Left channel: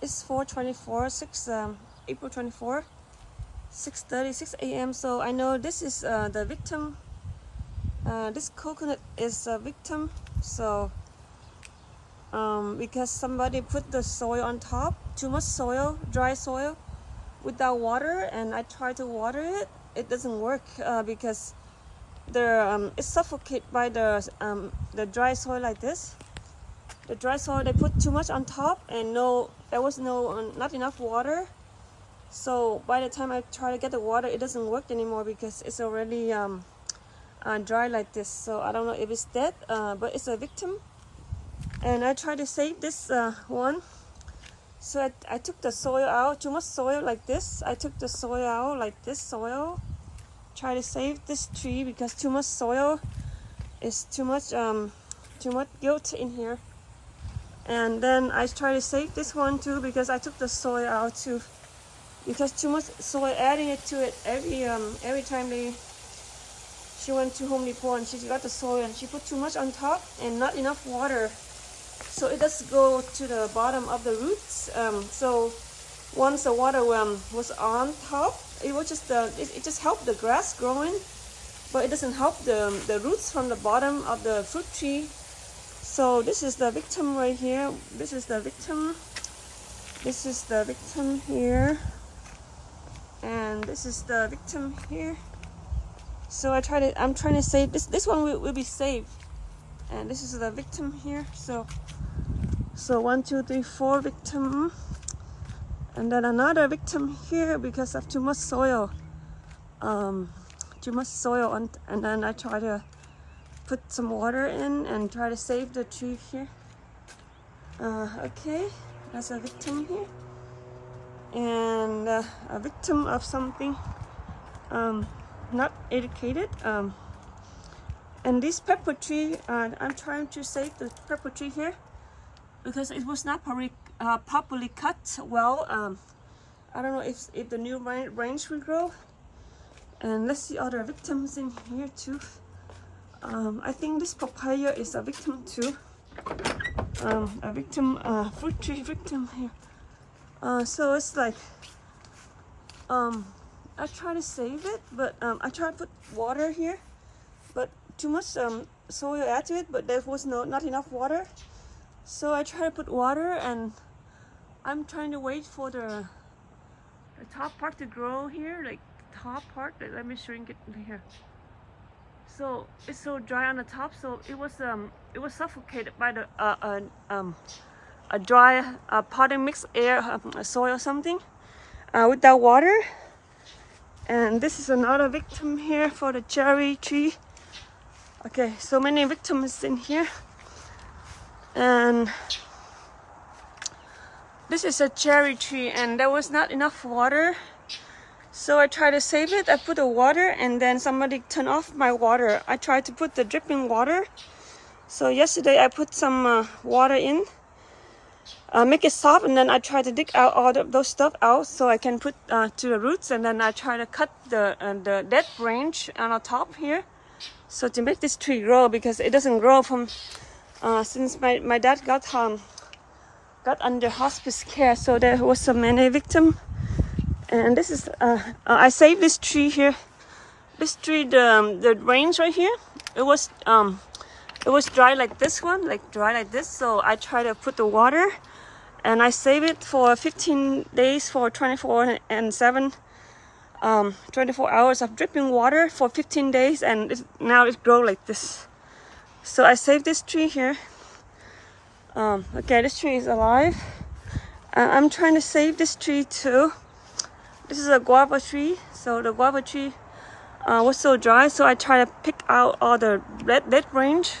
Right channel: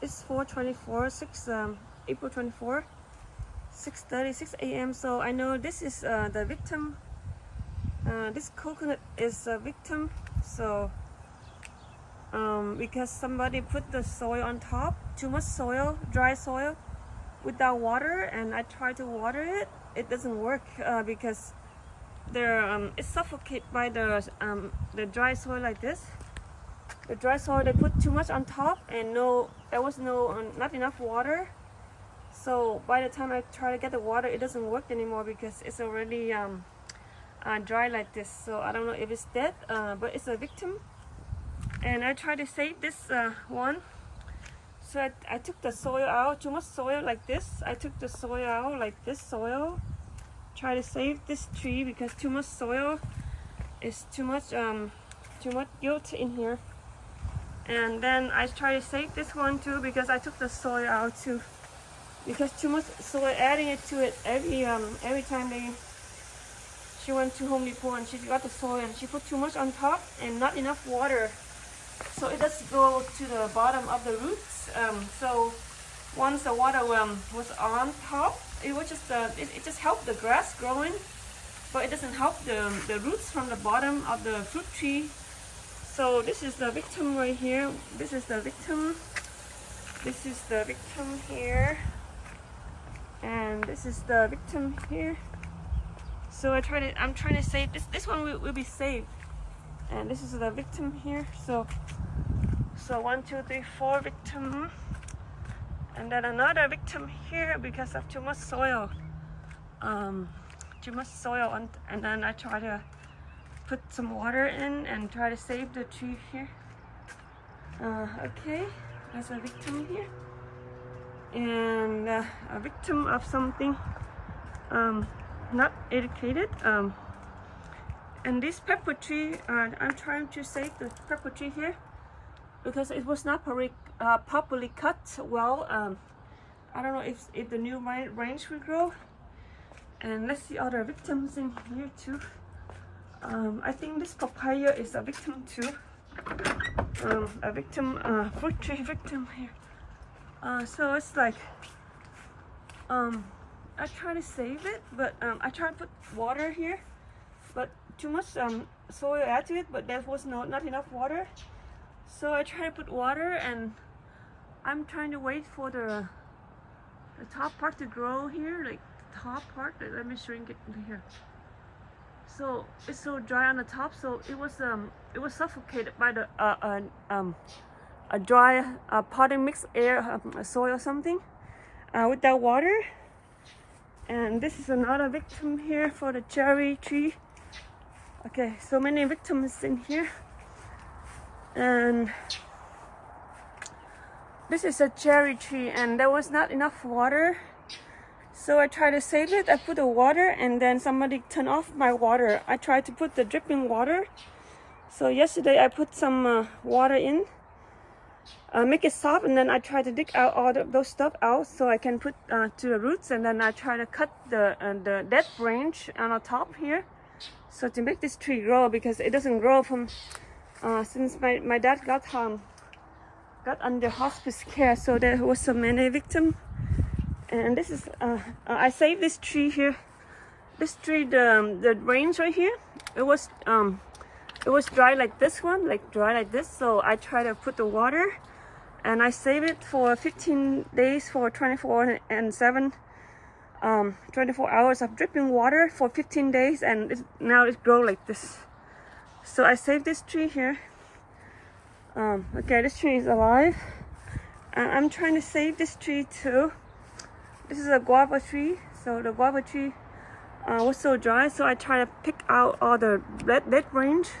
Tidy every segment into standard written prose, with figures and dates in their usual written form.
It's 4:24, April 24, 6:36 a.m. So I know this is the victim. This coconut is a victim. So because somebody put the soil on top, too much soil, dry soil, without water, and I try to water it. It doesn't work because it's suffocated by the dry soil like this. The dry soil, they put too much on top, and there was not enough water. So by the time I try to get the water, it doesn't work anymore because it's already dry like this. So I don't know if it's dead, but it's a victim. And I try to save this one. So I took the soil out, too much soil like this. I took the soil out like this soil. Try to save this tree because too much soil is too much guilt in here. And then I try to save this one too because I took the soil out too. Because too much soil, adding it to it every time she went to Home Depot and she got the soil and she put too much on top and not enough water. So it does go to the bottom of the roots. So once the water was on top, it was just it just helped the grass growing, but it doesn't help the roots from the bottom of the fruit tree. So this is the victim right here. This is the victim. This is the victim here, and this is the victim here. So I'm trying to save this. This one will be saved, and this is the victim here. So 1, 2, 3, 4 victim, and then another victim here because of too much soil. Too much soil, and then I try to put some water in and try to save the tree here. Okay, that's a victim here, and a victim of something not educated. And this pepper tree, I'm trying to save the pepper tree here because it was not properly cut well. I don't know if the new range will grow. And let's see other victims in here too. I think this papaya is a victim too. A victim, fruit tree victim here. So it's like, I try to save it, but I try to put water here, but too much soil add to it, but there was not enough water. So I try to put water, and I'm trying to wait for the top part to grow here, like the top part. Let me shrink it here. So it's so dry on the top, so it was suffocated by the a dry potting mix air, soil or something, without water. And this is another victim here for the cherry tree. Okay, so many victims in here. And this is a cherry tree, and there was not enough water. So I tried to save it. I put the water, and then somebody turned off my water. I tried to put the dripping water. So yesterday I put some water in, make it soft, and then I try to dig out all those stuff out so I can put to the roots. And then I try to cut the dead branch on the top here, so to make this tree grow, because it doesn't grow from since my dad got under hospice care. So there was so many victims. And this is I saved this tree here. This tree, the range right here, it was dry like this one, dry like this. So I try to put the water, and I save it for 15 days for 24 hours of dripping water for 15 days, and now it grows like this. So I saved this tree here. Okay, this tree is alive. I'm trying to save this tree too. This is a guava tree. So the guava tree was so dry, so I try to pick out all the dead branch,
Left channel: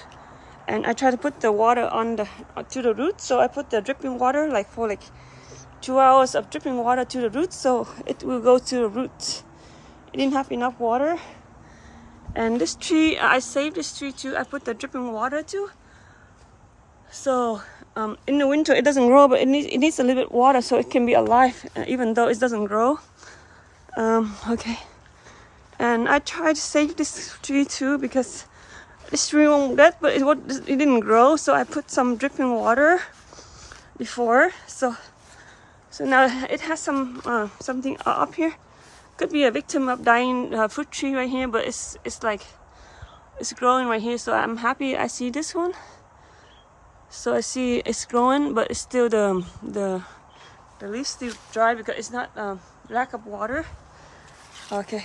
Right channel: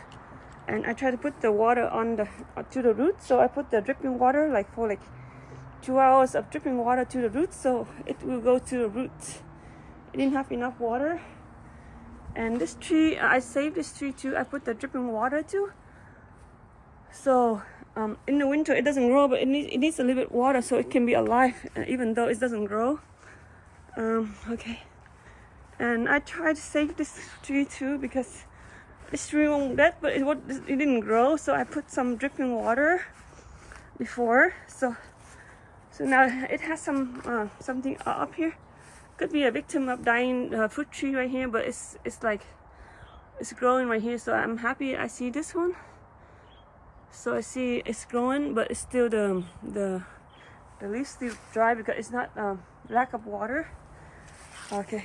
and I try to put the water on to the roots. So I put the dripping water for 2 hours of dripping water to the roots, so it will go to the roots. It didn't have enough water. And this tree, I saved this tree too. I put the dripping water too. So in the winter it doesn't grow, but it needs a little bit water so it can be alive, even though it doesn't grow. Okay, and I tried to save this tree too because this tree won't dead, but it didn't grow. So I put some dripping water before. So now it has some something up here. Could be a victim of dying fruit tree right here, but it's like it's growing right here. So I'm happy I see this one. So I see it's growing, but it's still the leaves still dry because it's not lack of water. Okay.